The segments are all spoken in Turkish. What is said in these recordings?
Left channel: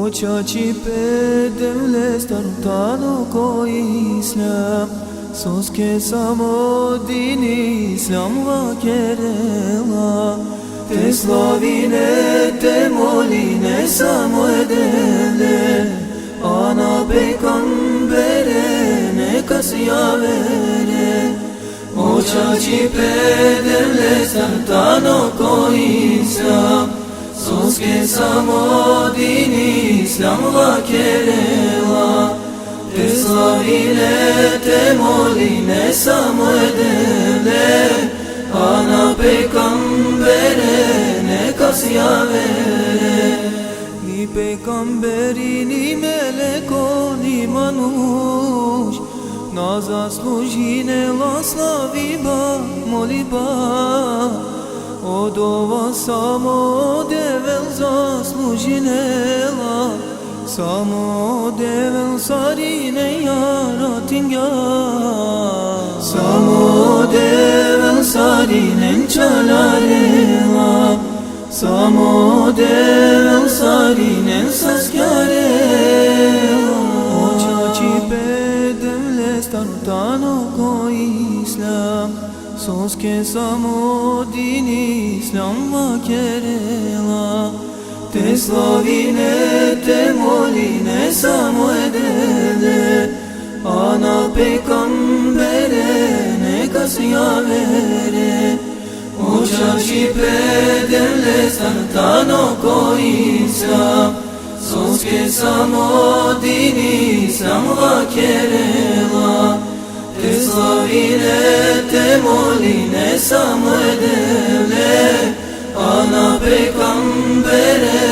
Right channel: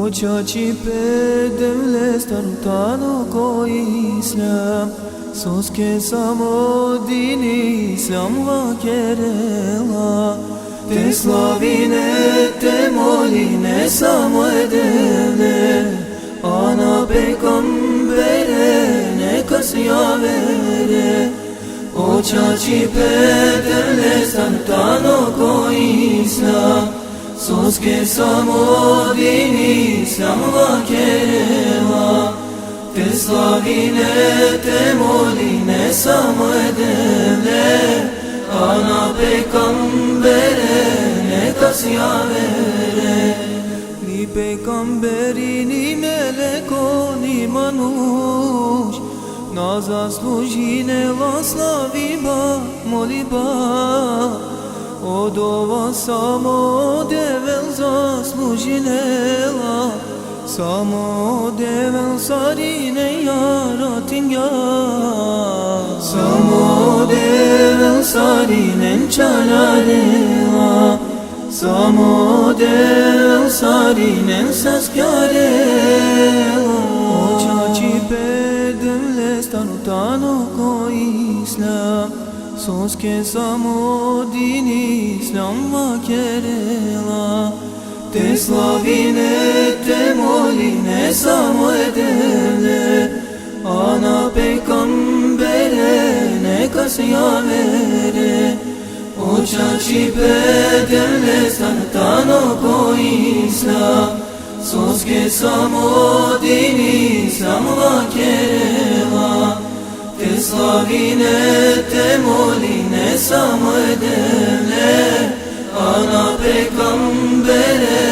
Očači pedevle starutano koji islam Soske samo dini islam vakerela Te slavine, te moline samo edevle Ana peygambere neka siyavere Očači pedevle starutano koji islam Soske samo dini islam vakerela Te slavine, te moline samo edevle Ana peygambere neka siyavere Ni peygamberi, ni meleko, ni manuš Na zaslužinela slaviba, moliba Od ova samo devel zaslužinela Samo devel sarine yaratinga Samo devel sarinen çalarela Samo devel sarinen saskarela Očači pedevle starutano koji islam Soske samo dini islam vakerela Te slavine, te moline samo edevle Ana peygambere neka siyavere Očači pedevle starutano koji islam Soske samo dini islam vakerela Te slavine, te moline samo edevle Ana peygambere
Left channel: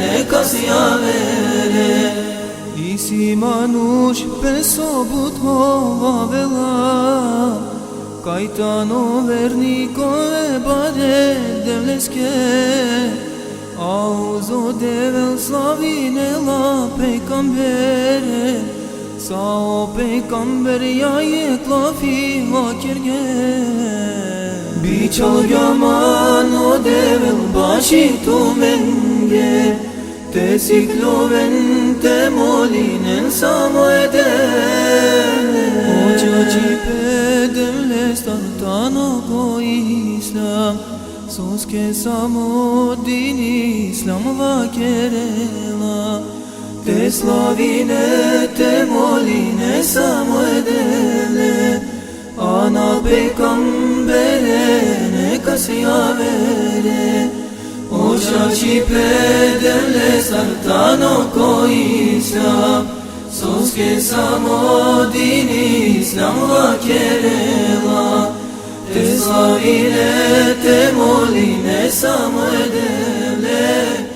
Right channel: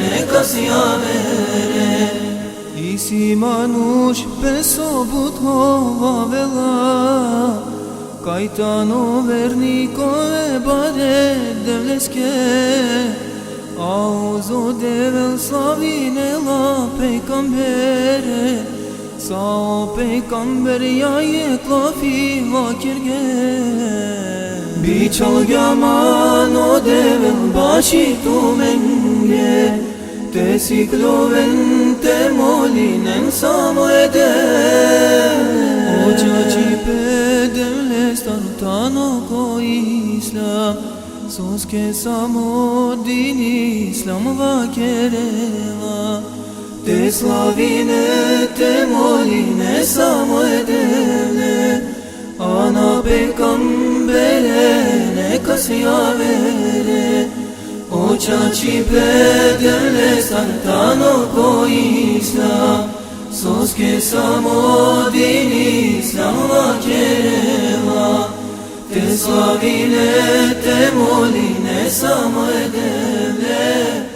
neka siyavere Isi manuš pesobut hovavela Kajtano vernikove bare devleske Auzo devel slavinela peygambere Sao peygamber yayıkla fi vakirge Biçal yaman o devel başı tumenge Te sikloven te molinen samo ede Očači pedevle starutano koji islam Soske samo dini islam vakerela Te slavine, te moline samo edevle Ana peygambere neka siyavere Očači pedevle starutano koji islam Soske samo dini islam vakerela Te slavine, te moline samo edevle